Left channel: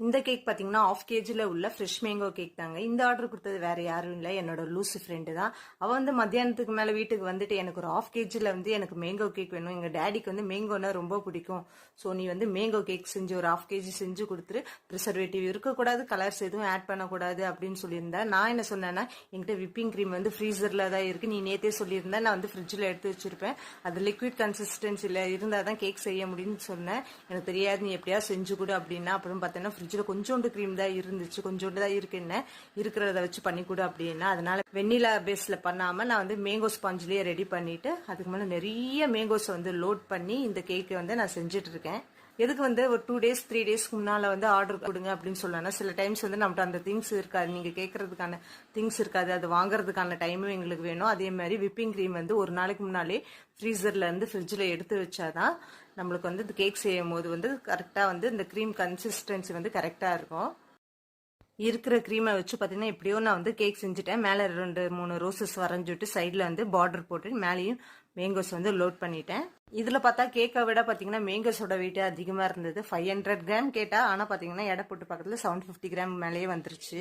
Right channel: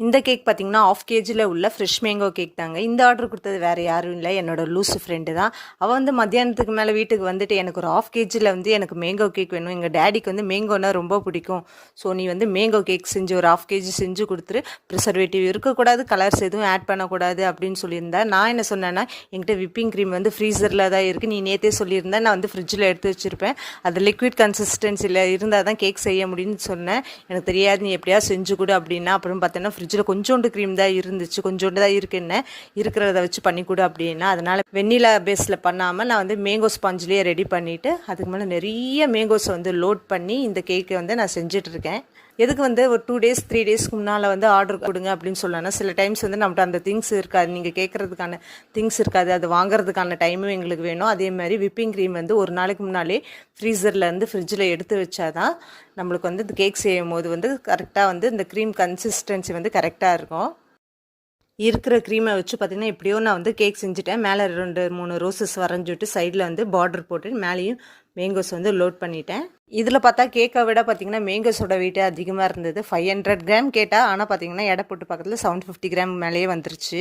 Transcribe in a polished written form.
இந்த கேக் பார்த்தீங்கன்னா ஆஃப் கேஜியில் உள்ள ஃப்ரெஷ் மேங்கோ கேக் தாங்க. இந்த ஆர்டர் கொடுத்தது வேறு யாரும் இல்லை, என்னோட லூஸு ஃப்ரெண்டு தான். அவள் வந்து மத்தியானத்துக்கு மேலே வீட்டுக்கு வந்துட்டு எனக்கு ஒரு ஆஃப் கேஜியில் வந்து எனக்கு மேங்கோ கேக் வேணும், எங்கள் டேடிக்கு வந்து மேங்கோனா ரொம்ப பிடிக்கும், ஸோ நீ வந்து மேங்கோ கேக் செஞ்சு ஒரு ஆஃப் கேஜி செஞ்சு கொடுத்துரு, ப்ரிசர்வேட்டிவ் இருக்கக்கூடாது, கலர்ஸ் எதுவும் ஆட் பண்ணக்கூடாது அப்படின்னு சொல்லியிருந்தேன். நான் என்ன சொன்னேன்னா, என்கிட்ட விப்பிங் க்ரீம் வந்து ஃப்ரீசரில் தான் இருக்குது, நீ நேற்றே சொல்லியிருந்தேன், நான் வந்து ஃப்ரிட்ஜில் எடுத்து வச்சுருப்பேன், அது லிக்விட் கன்சிஸ்டன்சியில் இருந்தால் தான் கேக் செய்ய முடியும்னு சொன்னேன். எனக்கு தெரியாது, நீ எப்படியா செஞ்சு கொடு அப்படின்னா. அப்புறம் பார்த்தோன்னா ஃப்ரிட்ஜில் கொஞ்சோண்டு க்ரீம் தான் இருந்துச்சு, கொஞ்சோண்டு தான் இருக்குன்னு, இருக்கிறத வச்சு பண்ணி கொடு அப்படின்னா. அதனால் வெண்ணிலா பேஸில் பண்ணாமல் நான் வந்து மேங்கோ ஸ்பாஞ்சிலேயே ரெடி பண்ணிவிட்டு அதுக்கு மேலே நிறைய மேங்கோஸை வந்து லோட் பண்ணி இந்த கேக்கை வந்து நான் செஞ்சிட்ருக்கேன். எதுக்கு வந்து ஒரு 2 days 3 daysக்கு முன்னால் வந்து ஆர்டர் கொடுங்க அப்படின்னு சொல்லலாம். சில டைம்ஸ் வந்து நம்மகிட்ட அந்த திங்ஸ் இருக்காது, நீங்கள் கேட்குறதுக்கான திங்ஸ் இருக்காது, அது வாங்குறதுக்கான டைமும் எங்களுக்கு வேணும். அதே மாதிரி விப்பிங் க்ரீம் வந்து ஒரு நாளைக்கு முன்னாலே ஃப்ரீசர்லேருந்து ஃப்ரிட்ஜில் எடுத்து வச்சாதான் நம்மளுக்கு வந்து இந்த கேக் செய்யும் போது வந்து கரெக்டாக வந்து இந்த க்ரீம் கன்சிஸ்டன்சி வந்து கரெக்டாக இருக்கும். இருக்கிற க்ரீமை வச்சு பார்த்திங்கன்னா எப்படியோ நான் வந்து கேக் செஞ்சுட்டேன். மேலே 2-3 ரோசஸ் வரைஞ்சிட்டு சைடில் வந்து பார்டர் போட்டு மேலேயும் மேங்கோஸ் வந்து லோட் பண்ணிட்டேன். இதில் பார்த்தா கேக்கை விட பார்த்திங்கன்னா மேங்கோஸோட வெயிட்டே அதிகமாக இருந்தது. 500 கிராம் கேட்டால், ஆனால் பார்த்திங்கன்னா எடை போட்டு பக்கத்தில் 750 கிராம் மேலேயே வந்துருச்சு.